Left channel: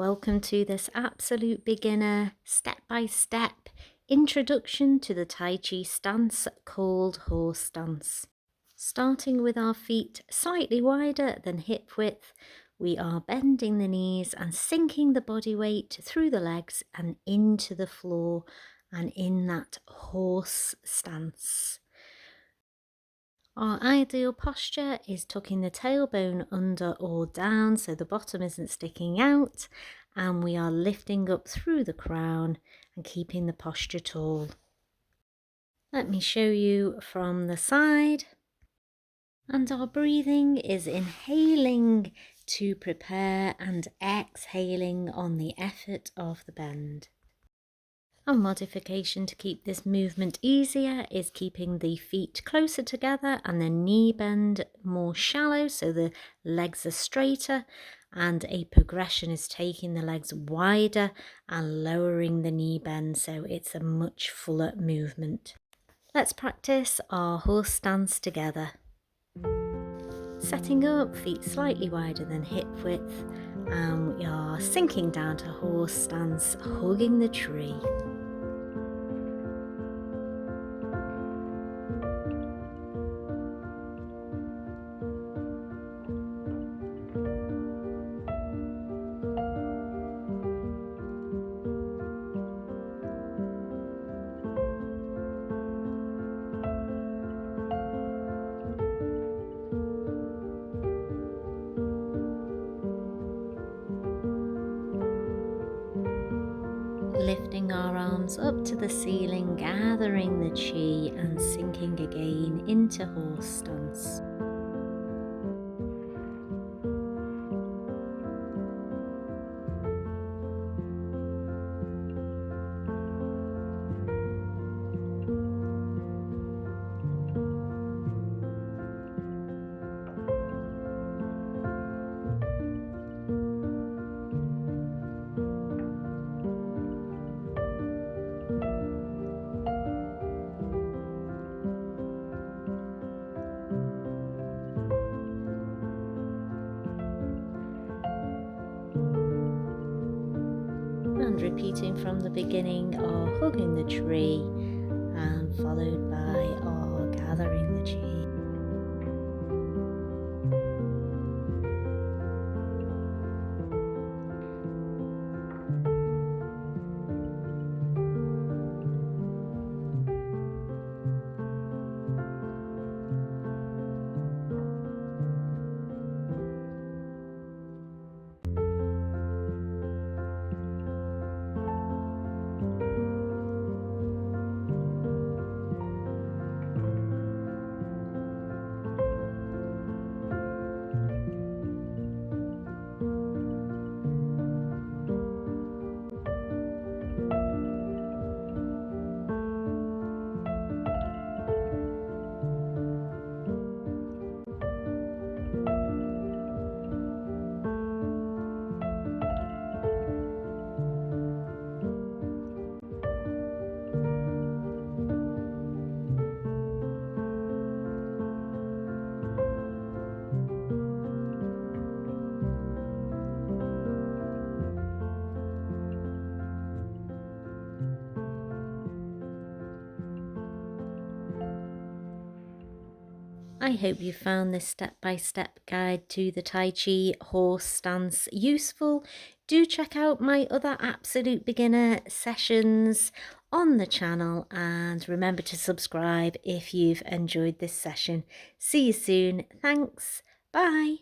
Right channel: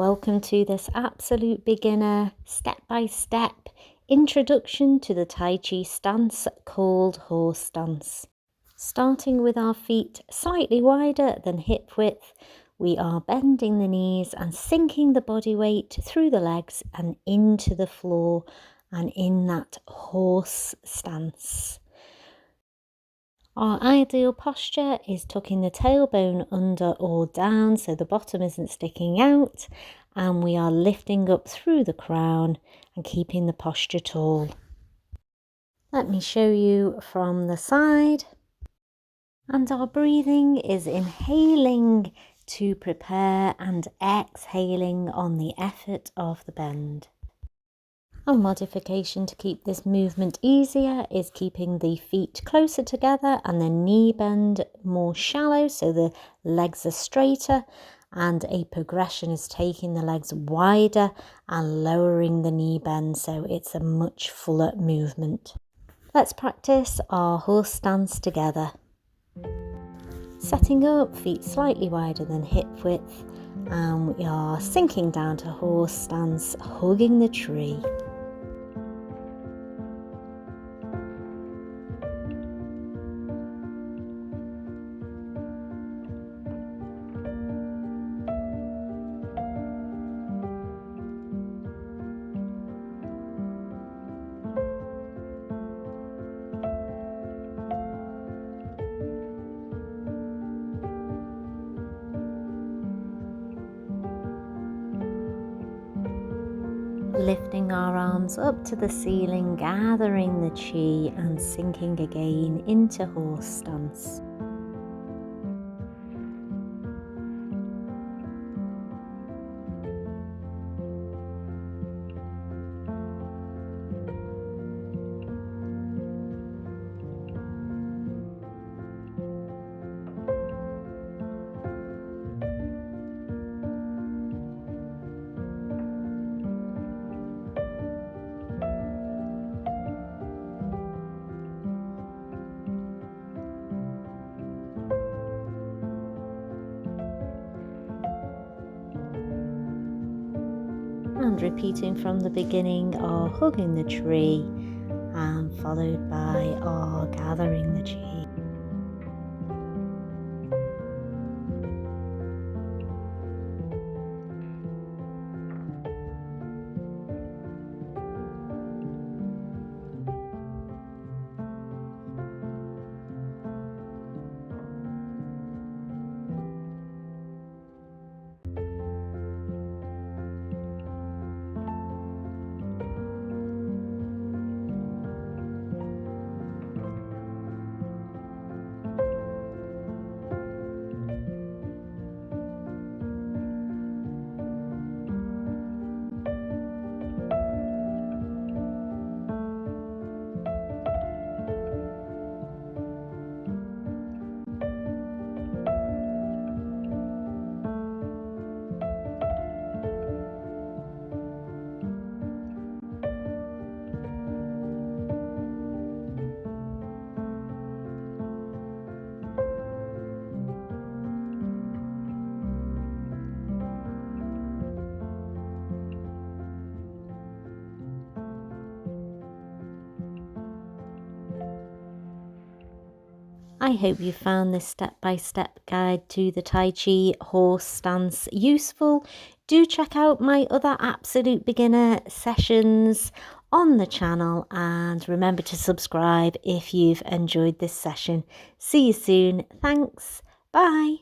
Welcome to this absolute beginner step-by-step introduction to the Tai Chi stance called Horse Stance. Starting with our feet slightly wider than hip width, we are bending the knees and sinking the body weight through the legs and into the floor and in that horse stance. Our ideal posture is tucking the tailbone under or down so the bottom isn't sticking out, and we are lifting up through the crown and keeping the posture tall. Let me show you from the side. And our breathing is inhaling to prepare and exhaling on the effort of the bend. A modification to keep this movement easier is keeping the feet closer together and the knee bend more shallow so the legs are straighter, and a progression is taking the legs wider and lowering the knee bend so it's a much fuller movement. Let's practice our horse stance together. Setting up, feet slightly wider than hip width, and we are sinking down to horse stance, hugging the tree. Lifting our arms up to the ceiling, gathering the chi and sinking again into horse stance. And repeating from the beginning, our hugging the tree, and followed by our gathering the chi. I hope you found this step-by-step guide to the Tai Chi horse stance useful. Do check out my other absolute beginner sessions on the channel, and remember to subscribe if you've enjoyed this session. See you soon. Thanks. Bye.